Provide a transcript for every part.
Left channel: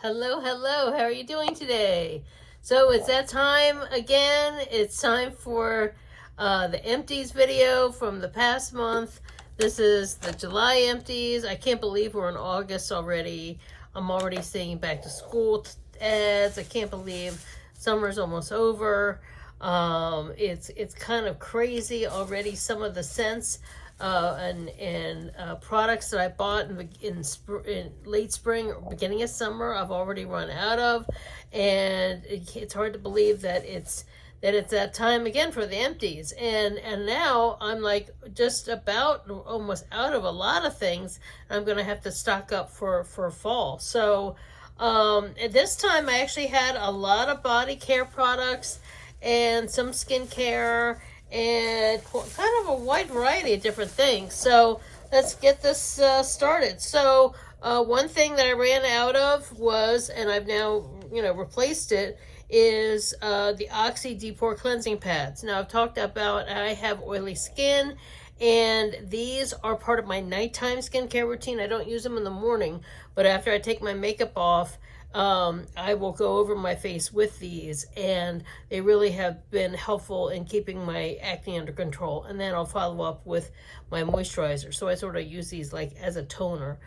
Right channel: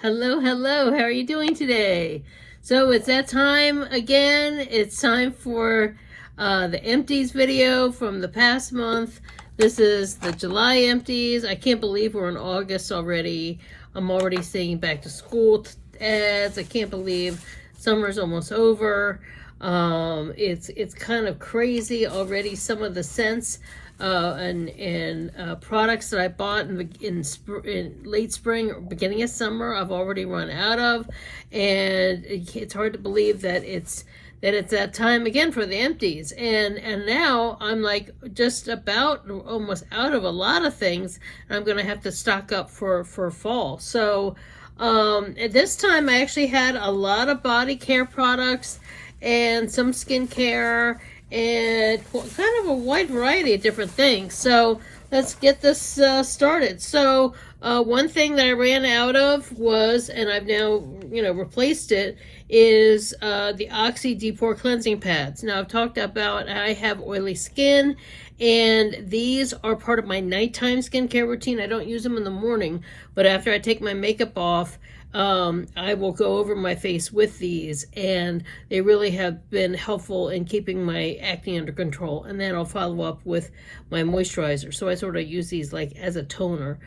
Hello, hello. How are you doing today? So it's that time again. It's time for the empties video from the past month. This is the July empties. I can't believe we're in August already. I'm already seeing back to school ads. I can't believe summer's almost over. It's kind of crazy already. Some of the scents and products that I bought in late spring or beginning of summer, I've already run out of, and it's hard to believe that it's that time again for the empties. And now I'm like just about almost out of a lot of things. I'm gonna have to stock up for fall. So at this time I actually had a lot of body care products and some skincare and kind of a wide variety of different things. So let's get this started. So one thing that I ran out of was, and I've now replaced it, is the Oxy Deep Pore Cleansing Pads. Now I've talked about I have oily skin, and these are part of my nighttime skincare routine. I don't use them in the morning, but after I take my makeup off, I will go over my face with these, and they really have been helpful in keeping my acne under control. And then I'll follow up with my moisturizer. So I sort of use these like as a toner.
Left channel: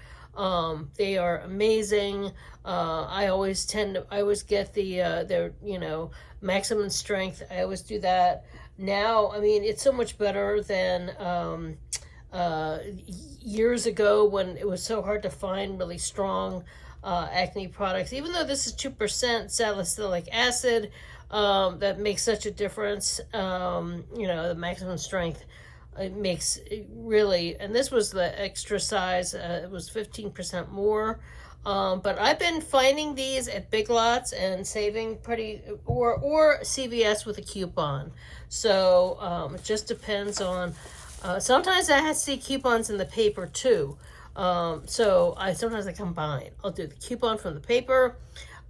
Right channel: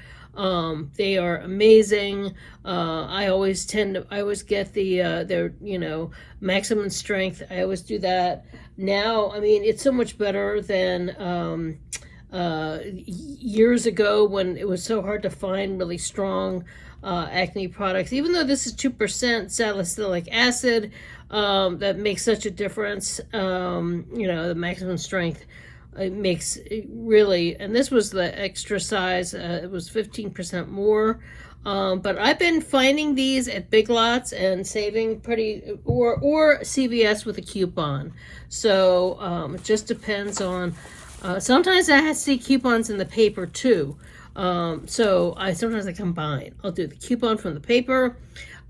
They are amazing. I always get their maximum strength. I always do that. Now, I mean, it's so much better than years ago when it was so hard to find really strong acne products. Even though this is 2% salicylic acid, that makes such a difference. The maximum strength, it makes it really, and this was the extra size, it was 15% more. But I've been finding these at Big Lots and saving or CVS with a coupon. So it just depends on, sometimes I see coupons in the paper too. So sometimes I combine. I'll do the coupon from the paper.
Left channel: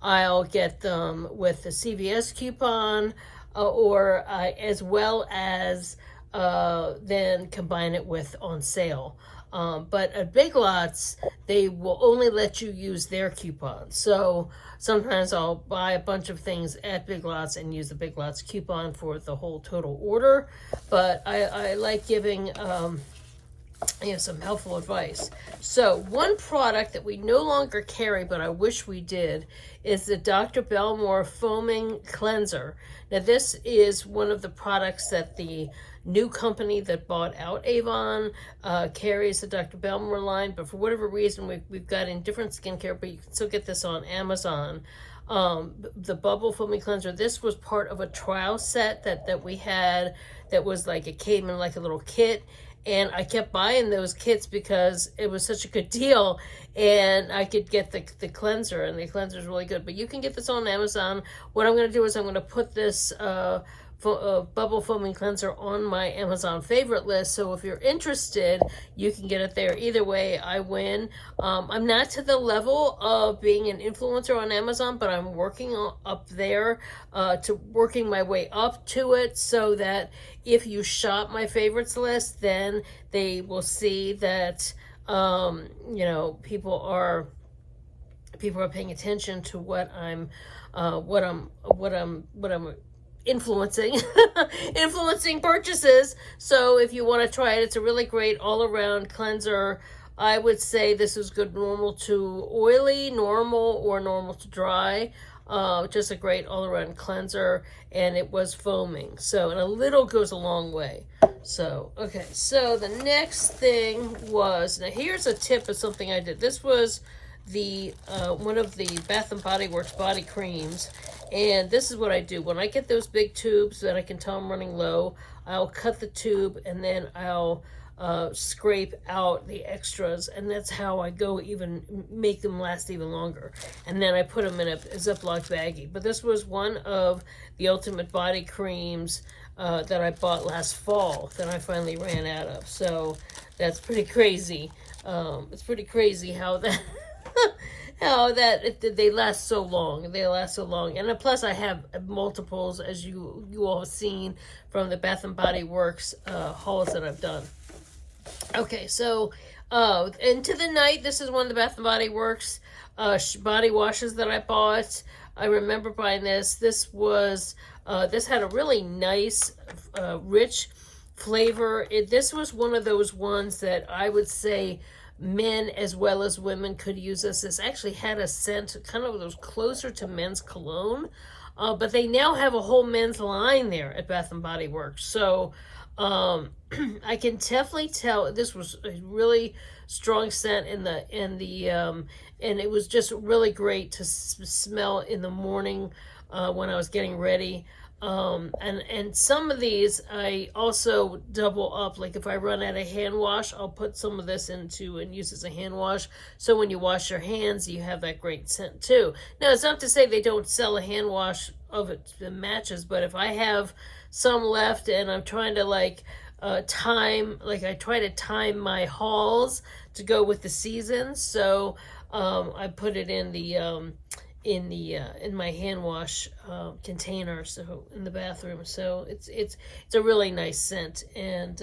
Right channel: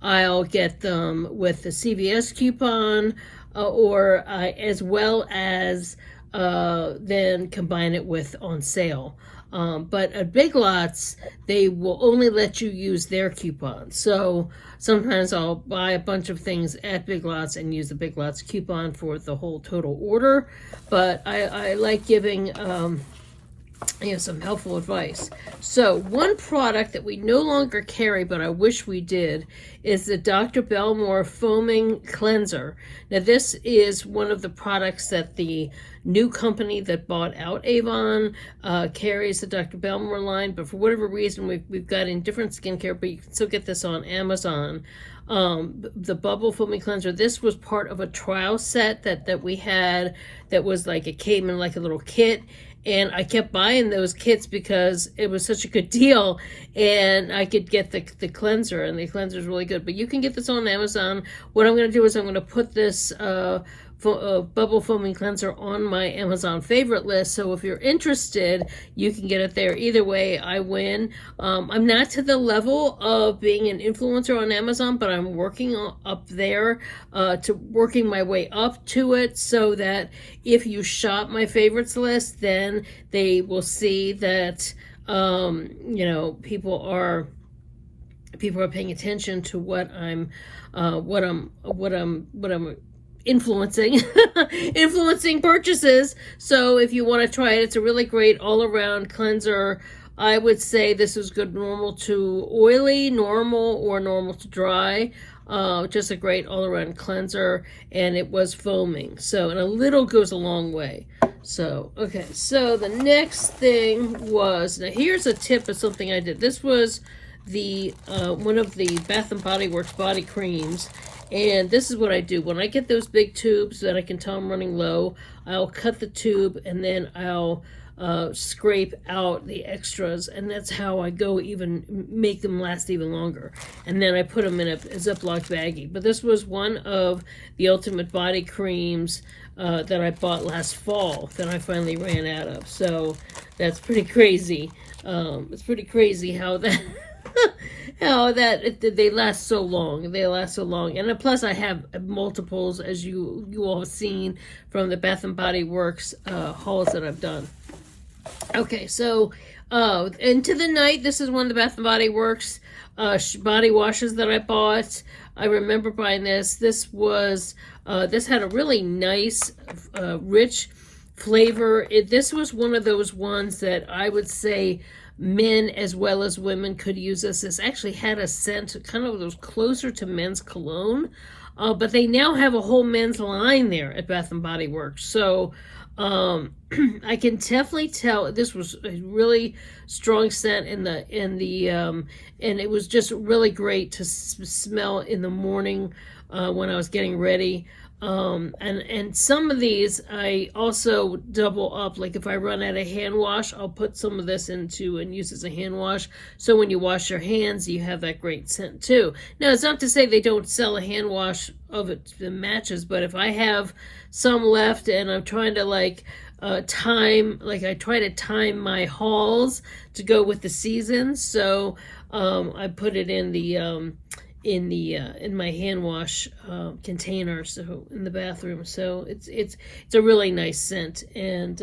I'll get them with the CVS coupon, or as well as then combine it with on sale. But at Big Lots, they will only let you use their coupon. So sometimes I'll buy a bunch of things at Big Lots and use the Big Lots coupon for the whole total order. But I like giving some helpful advice. So one product that we no longer carry, but I wish we did, is the Dr. Belmore Foaming Cleanser. Now this is one of the products that the new company that bought out Avon carries, the Dr. Belmore line, but for whatever reason we've got in different skincare, but you can still get this on Amazon. The Bubble Foaming Cleanser, this was part of a trial set that we had, that was like, it came in like a little kit. And I kept buying those kits because it was such a good deal, and I could get the cleanser, and the cleanser is really good. But you can get this on Amazon. What I'm going to do is I'm going to put this Bubble Foaming Cleanser on my Amazon favorite list. So if you're interested, you can get it there. Either way, I win. I'm not to the level of being an influencer on Amazon, but I'm working up there to working my way up to it, so that if you shop my favorites list, then they will see that people are paying attention to what I'm influencing purchases. So if you want to try it, it's a really great all-around cleanser. I would say this is good normal to oily, normal, or normal to dry. Just a great all-around cleanser, and it was foaming, so, and a little goes a long way. So okay, so the next thing was, now here's a tip of something I did. This was the one of the Bath and Body Works body creams. And this is what I do. When I get those big tubes that I can tell I'm running low, I'll cut the tube, and then I'll scrape out the extras, and that's how I make them last even longer. And then I put them in a Ziploc baggie. But this was one of the ultimate body creams that I bought last fall that I finally ran out of. So that's pretty crazy. It's pretty crazy how that they last so long. And plus I have multiples, as you all have seen from the Bath and Body Works hauls that I've done. Okay, so Into the Night, this is one of the Bath and Body Works body washes that I bought. I remember buying this. This was, this had a really nice, rich flavor. This was one of those ones that I would say men as well as women could use this. This actually had a scent kind of was closer to men's cologne, but they now have a whole men's line there at Bath and Body Works. So I can definitely tell this was a really strong scent and it was just really great to smell in the morning when I was getting ready. And some of these I also double up, like if I run out of hand wash, I'll put some of this into and use as a hand wash, so when you wash your hands you have that great scent too. Now it's not to say they don't sell a hand wash of it that matches, but if I have some left and I'm trying to I try to time my hauls to go with the seasons, so I put it in the in my hand wash container, so in the bathroom. So it's a really nice scent, and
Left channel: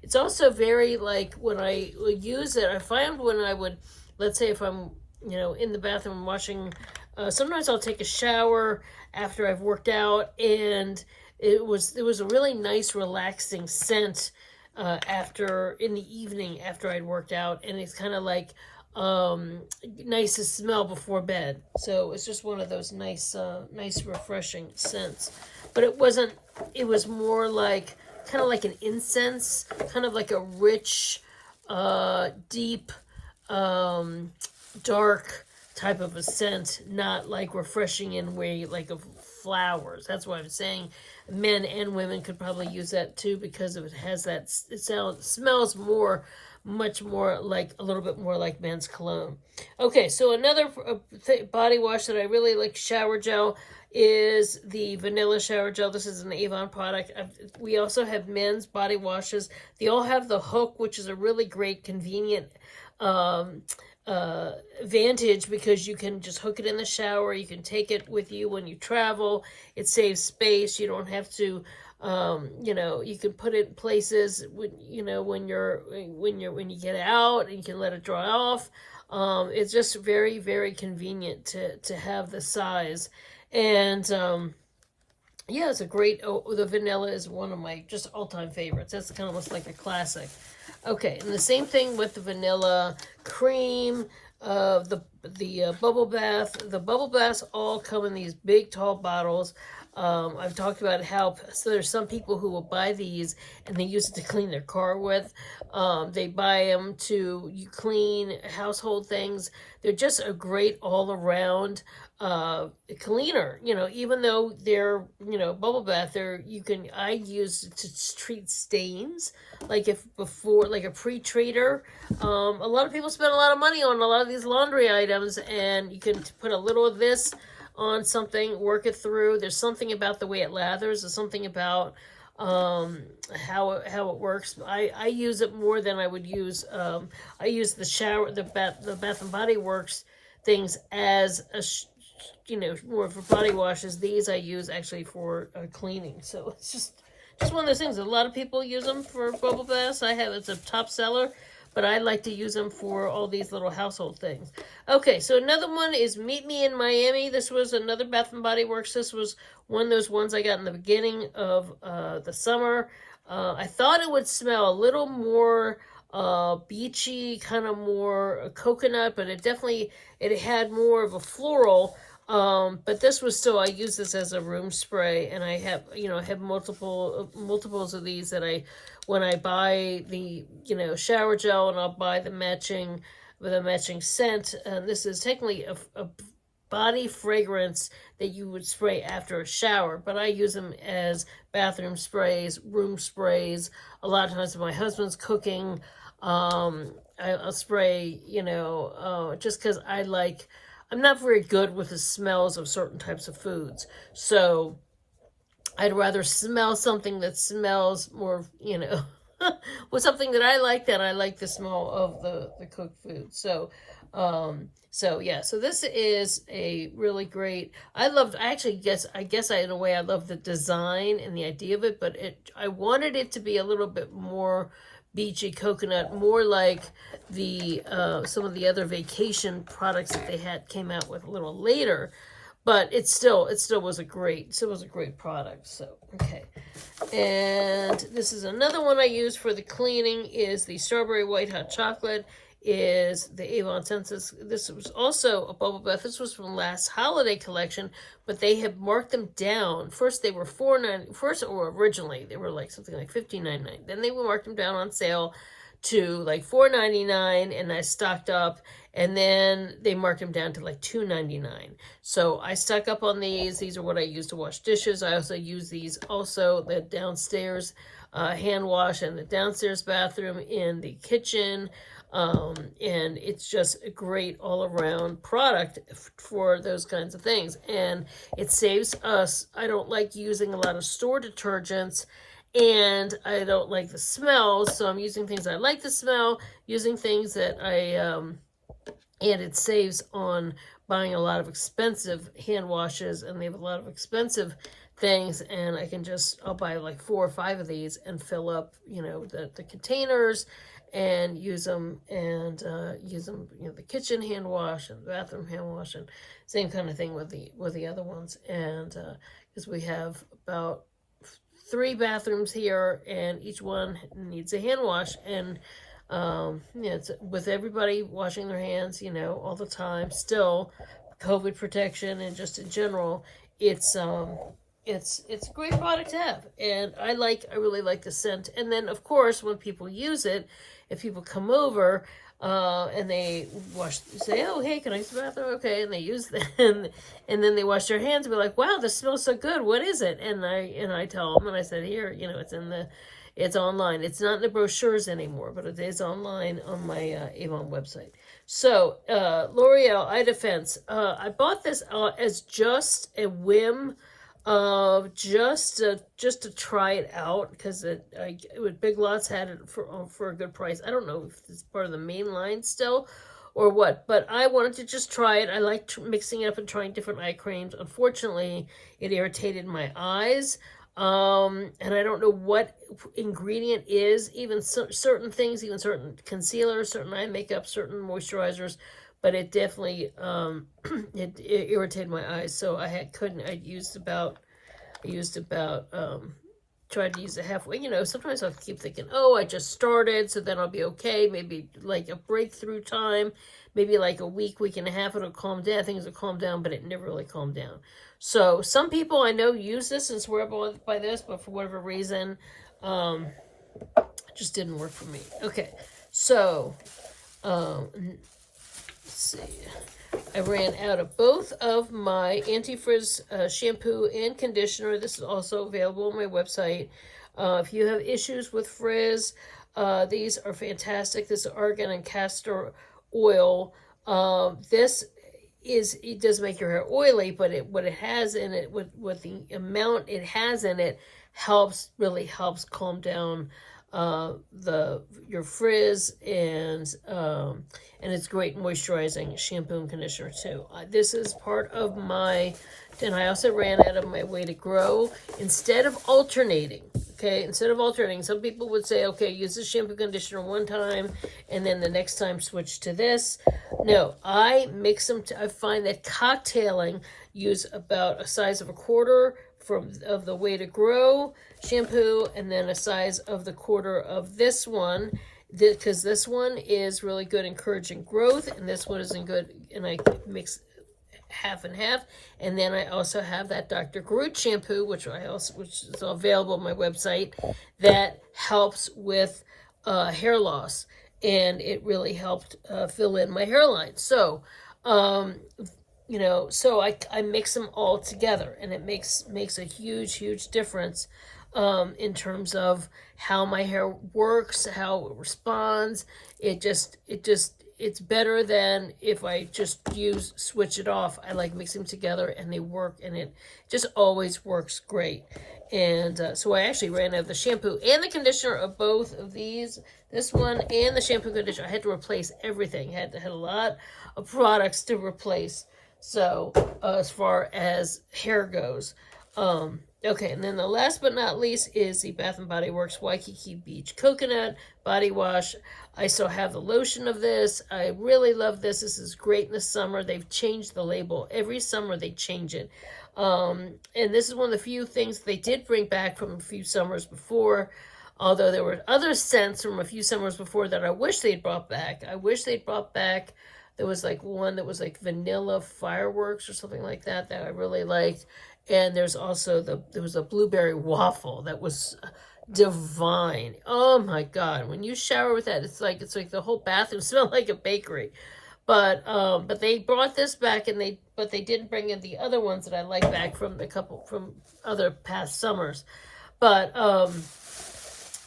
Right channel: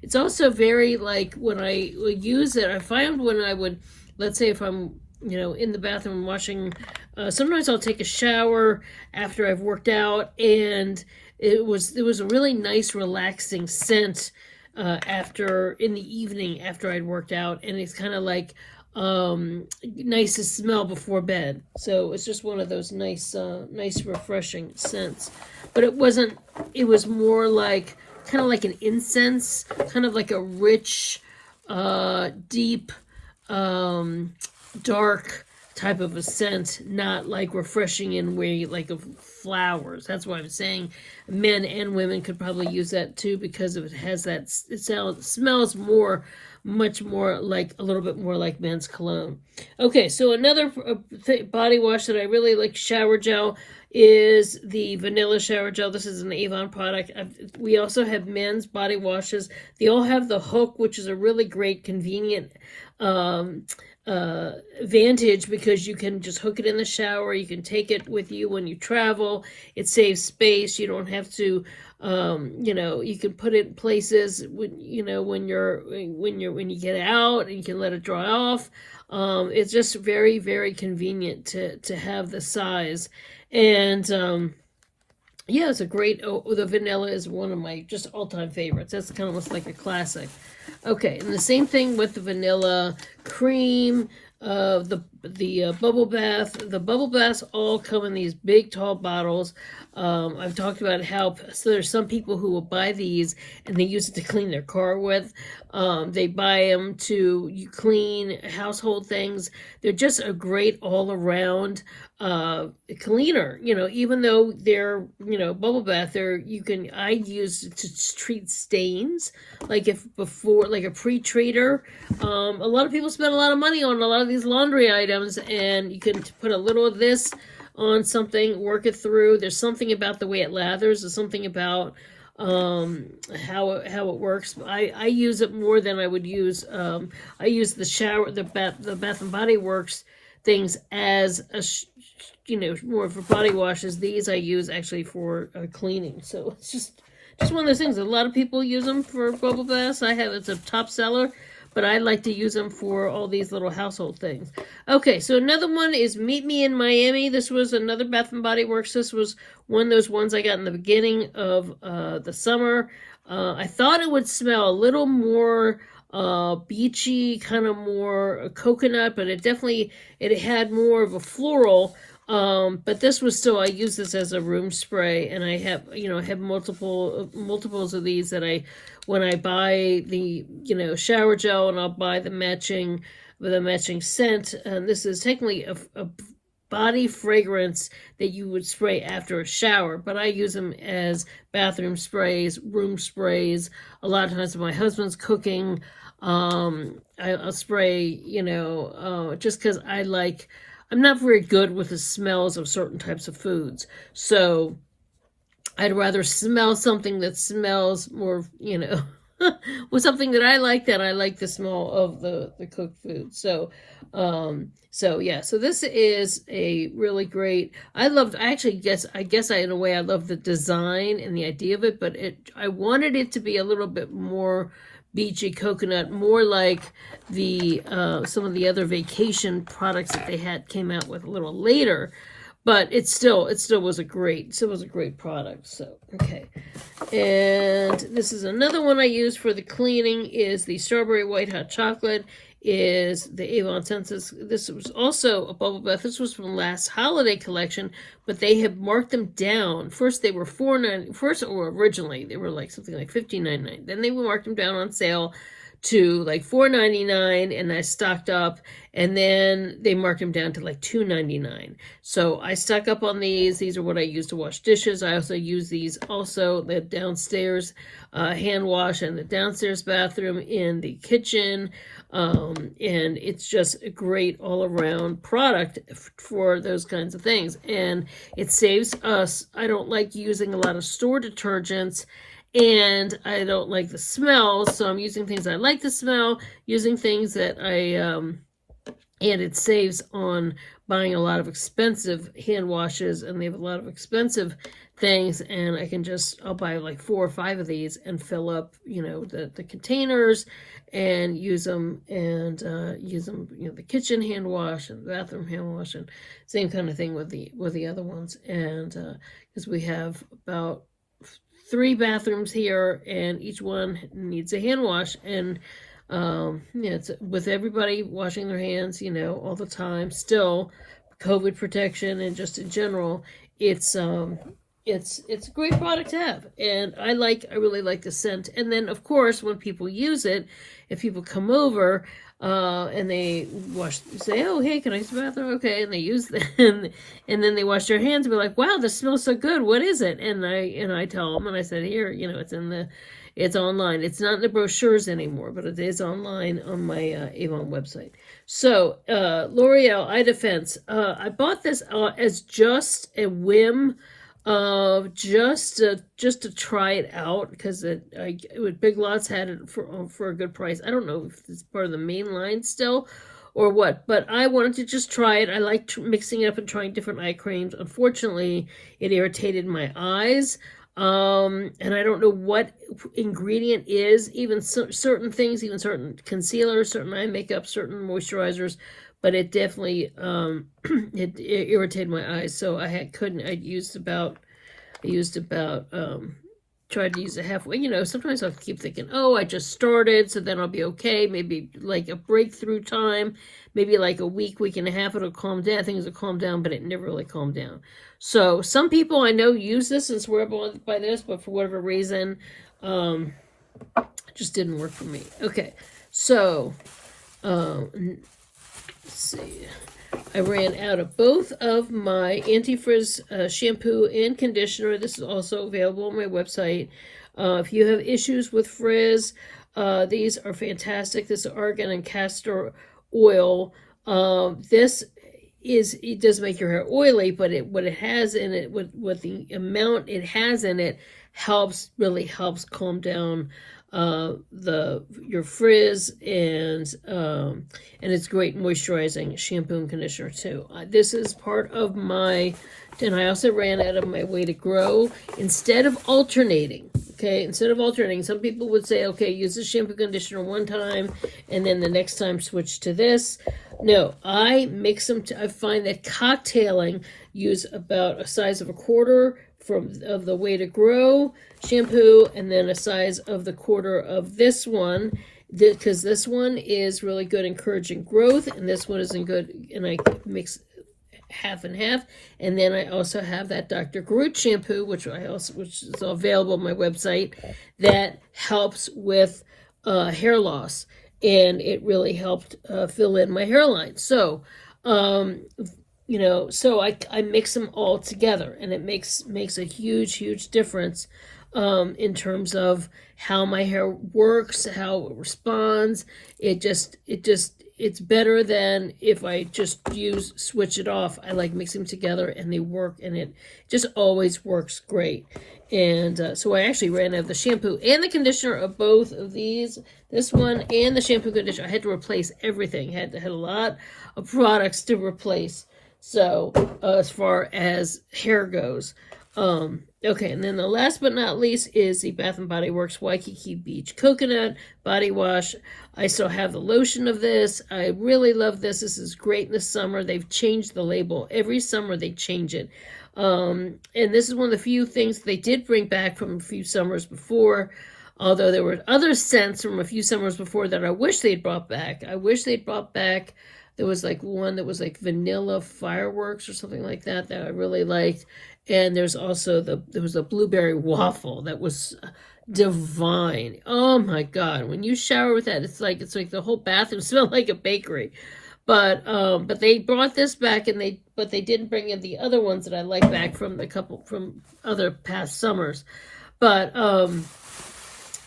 it's also very, like, when I would use it, I find when I would, let's say if I'm in the bathroom washing, sometimes I'll take a shower after I've worked out, and it was a really nice relaxing scent after in the evening after I'd worked out, and it's kind of like nice to smell before bed. So it's just one of those nice refreshing scents. But it was more like kind of like an incense, kind of like a rich, deep, dark type of a scent, not like refreshing in way like of flowers. That's why I'm saying men and women could probably use that too, because it has that, it smells much more like, a little bit more like men's cologne. Okay, so another body wash that I really like, shower gel, is the vanilla shower gel. This is an Avon product. We also have men's body washes. They all have the hook, which is a really great, convenient advantage, because you can just hook it in the shower. You can take it with you when you travel. It saves space. You don't have to you can put it in places when you get out, and you can let it dry off. It's just very, very convenient to have the size. And yeah, it's a great, the vanilla is one of my just all-time favorites. That's kind of almost like a classic. Okay, and the same thing with the vanilla cream, the bubble bath. The bubble baths all come in these big, tall bottles. I've talked about how, so there's some people who will buy these and they use it to clean their car with. They buy them to clean household things. They're just a great all-around cleaner. Even though they're bubble bath, I use it to treat stains, like like a pre-treater. A lot of people spend a lot of money on a lot of these laundry items, and you can put a little of this on something, work it through. There's something about the way it lathers. There's something about how it works. I use it more than I would use. I use the Bath and Body Works things as more for body washes. These I use actually for cleaning. So it's just one of those things. A lot of people use them for bubble baths. It's a top seller, but I like to use them for all these little household things. Okay, so another one is Meet Me in Miami. This was another Bath & Body Works. This was one of those ones I got in the beginning of the summer. I thought it would smell a little more beachy, kind of more coconut, but it had more of a floral. But this was still, I use this as a room spray, and I have, I have multiples of these that when I buy the, shower gel, and I'll buy the matching scent. This is technically a body fragrance that you would spray after a shower, but I use them as bathroom sprays, room sprays. A lot of times when my husband's cooking, I'll spray, just because I'm not very good with the smells of certain types of foods. So I'd rather smell something that smells more, with something that I like the smell of the cooked food. So yeah, so this is a really great, I guess in a way I love the design and the idea of it, but I wanted it to be a little bit more beachy coconut, more like the some of the other vacation products that they came out with a little later. But it still was a great product. So okay, and this is another one I use for the cleaning, is the strawberry white hot chocolate, is the Avonsensus. This was also a bubble bath. This was from last holiday collection, but they have marked them down. First they were originally they were like something like $15.99. Then they marked them down on sale to like $4.99, and I stocked up, and then they marked them down to like $2.99. So I stock up on these. These are what I use to wash dishes. I also use these the downstairs hand wash and the downstairs bathroom, in the kitchen, and it's just a great all-around product for those kinds of things, and it saves us. I don't like using a lot of store detergents, and I don't like the smell, so I'm using things I like the smell, using things that and it saves on buying a lot of expensive hand washes, and they have a lot of expensive things, and I'll buy like 4 or 5 of these and fill up, the containers, and use them, the kitchen hand wash and the bathroom hand wash, and same kind of thing with the other ones, and because we have about 3 bathrooms here, and each one needs a hand wash, and it's with everybody washing their hands, all the time, still COVID protection, and just in general, it's a great product to have, and I really like the scent. And then of course, when people use it, if people come over and they say, oh, hey, can I use the bathroom? Okay, and they use them, and then they wash their hands and be like, wow, this smells so good. What is it? And I tell them, and I said, here, it's online. It's not in the brochures anymore, but it is online on my Avon website. So L'Oreal Eye Defense. I bought this as just a whim, just to try it out, because Big Lots had it for a good price. I don't know if it's part of the main line still or what, but I wanted to just try it. I like mixing it up and trying different eye creams. Unfortunately, it irritated my eyes, and I don't know what ingredient is, even certain things, even certain concealers, certain eye makeup, certain moisturizers, but it definitely it irritated my eyes, so I tried to use it halfway. Sometimes I'll keep thinking, oh, I just started, so then I'll be okay. Maybe like a breakthrough time, maybe like a week and a half, it'll calm down. Things will calm down, but it never really calmed down. So some people I know use this and swear by this, but for whatever reason, it just didn't work for me. Okay, so let's see. I ran out of both of my anti-frizz shampoo and conditioner. This is also available on my website. If you have issues with frizz, these are fantastic. This is Argan and Castor Oil. It does make your hair oily, but what it has in it, what the amount it has in it, really helps calm down your frizz, and it's great moisturizing shampoo and conditioner too. This is part of and I also ran out of my Way to Grow. Instead of alternating, some people would say, okay, use the shampoo conditioner one time, and then the next time switch to this. No, I mix them. I find that cocktailing, use about a size of a quarter of the Way to Grow shampoo, and then a size of the quarter of this one, because this one is really good encouraging growth, and this one isn't good, and I mix half and half. And then I also have that Dr. Groot shampoo, which is available on my website, that helps with hair loss, and it really helped fill in my hairline. So so I mix them all together, and it makes a huge difference in terms of how my hair works, how it responds. It's better than if I just switch it off. I like mixing them together, and they work, and it just always works great. And so I actually ran out of the shampoo and the conditioner of both of these, this one and the shampoo conditioner. I had to replace everything. Had a lot of products to replace. So as far as hair goes, Okay, and then the last but not least is the Bath & Body Works Waikiki Beach Coconut Body Wash. I still have the lotion of this. I really love this. This is great this summer. They've changed the label. Every summer they change it. And this is one of the few things they did bring back from a few summers before, although there were other scents from a few summers before that I wish they'd brought back. I wish they'd brought back, there was like one that was like vanilla fireworks or something like that I really liked. And there's also there was a blueberry waffle that was divine. Oh my God. When you shower with that, it's like the whole bathroom smelled like a bakery. But they brought this back, and they didn't bring in the other ones that I like back from other past summers. But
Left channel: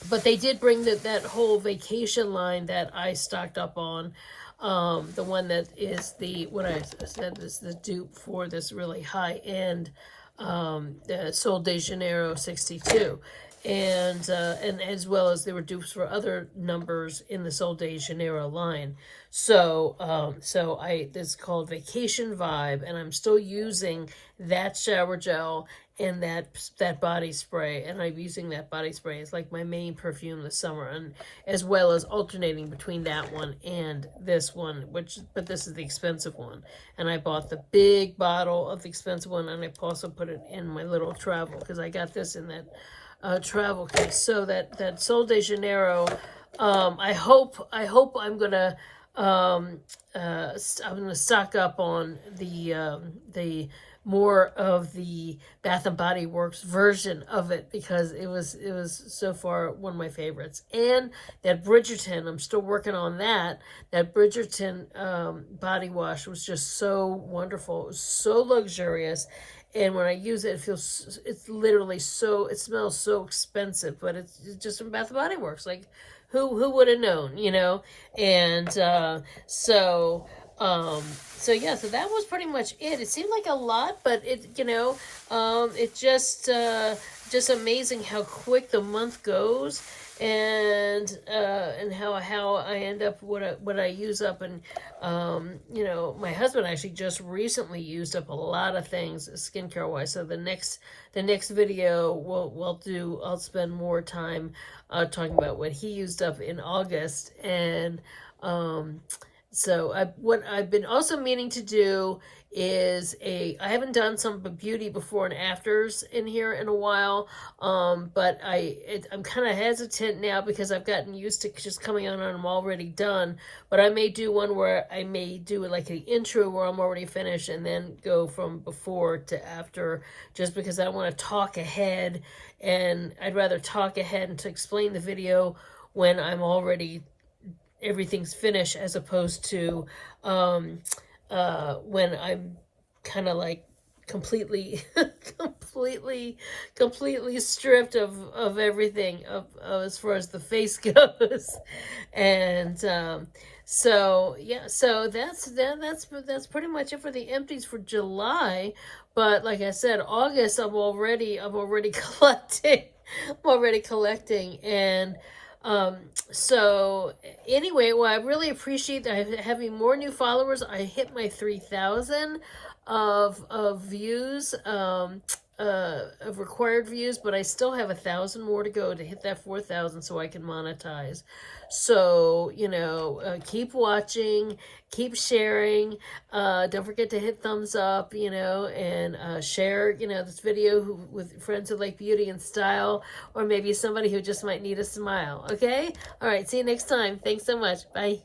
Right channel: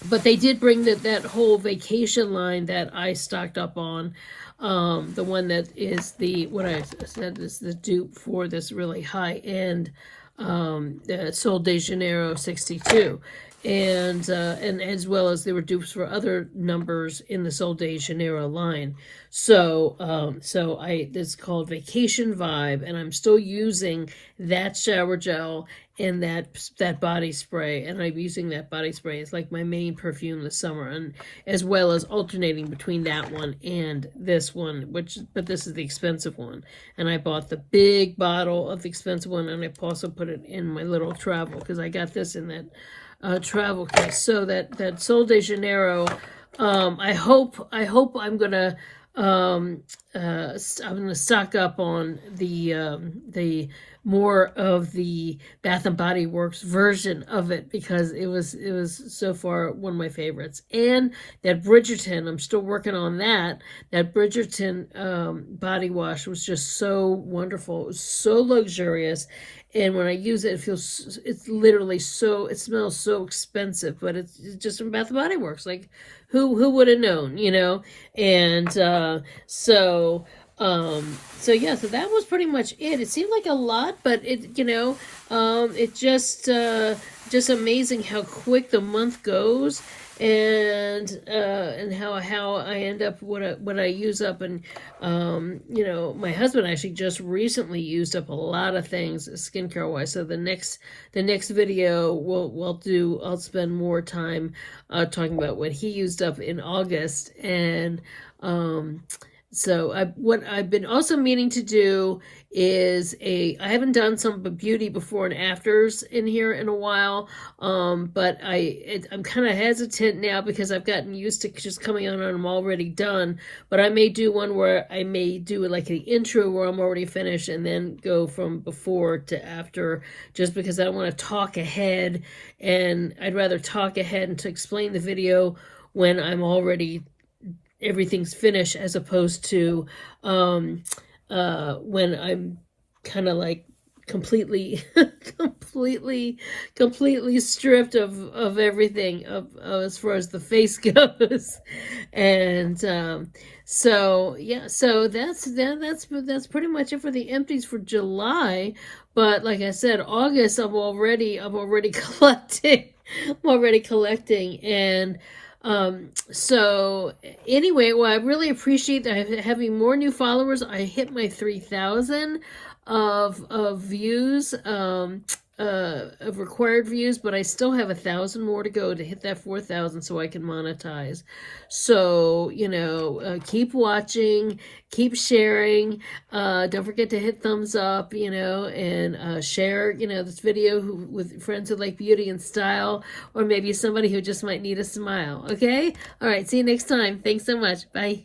they did bring that whole vacation line that I stocked up on. The one that is what I said is the dupe for this really high end Sol de Janeiro 62. And as well as they were dupes for other numbers in the Sol de Janeiro line. So this is called Vacation Vibe, and I'm still using that shower gel and that body spray, and I'm using that body spray as like my main perfume this summer, and as well as alternating between that one and this one, but this is the expensive one, and I bought the big bottle of the expensive one, and I also put it in my little travel, because I got this in that travel case. So that Sol de Janeiro, I hope I'm gonna stock up on the more of the Bath & Body Works version of it, because it was so far one of my favorites. And that Bridgerton, I'm still working on that. That Bridgerton body wash was just so wonderful. It was so luxurious. And when I use it, it's literally it smells so expensive, but it's just from Bath & Body Works. Like, who would have known, you know? And so that was pretty much it. It seemed like a lot, but it just amazing how quick the month goes, and how I end up what I use up. And my husband actually just recently used up a lot of things skincare wise. So the next video I'll spend more time talking about what he used up in August. And so what I've been also meaning to do is I haven't done some beauty before and afters in here in a while, but I'm kind of hesitant now because I've gotten used to just coming on and I'm already done. But I may do one where I may do like an intro where I'm already finished, and then go from before to after, just because I don't want to talk ahead, and I'd rather talk ahead and to explain the video when I'm already everything's finished, as opposed to when I'm kind of like completely stripped of everything as far as the face goes. And so that's pretty much it for the empties for July. But like I said, August I'm already collecting. I'm already collecting. And so anyway, well, I really appreciate that having more new followers. I hit my 3,000 of views, of required views, but I still have 1,000 more to go to hit that 4,000 so I can monetize. So, keep watching, keep sharing, don't forget to hit thumbs up, and share, this video with friends who like beauty and style, or maybe somebody who just might need a smile. Okay? All right, see you next time. Thanks so much. Bye.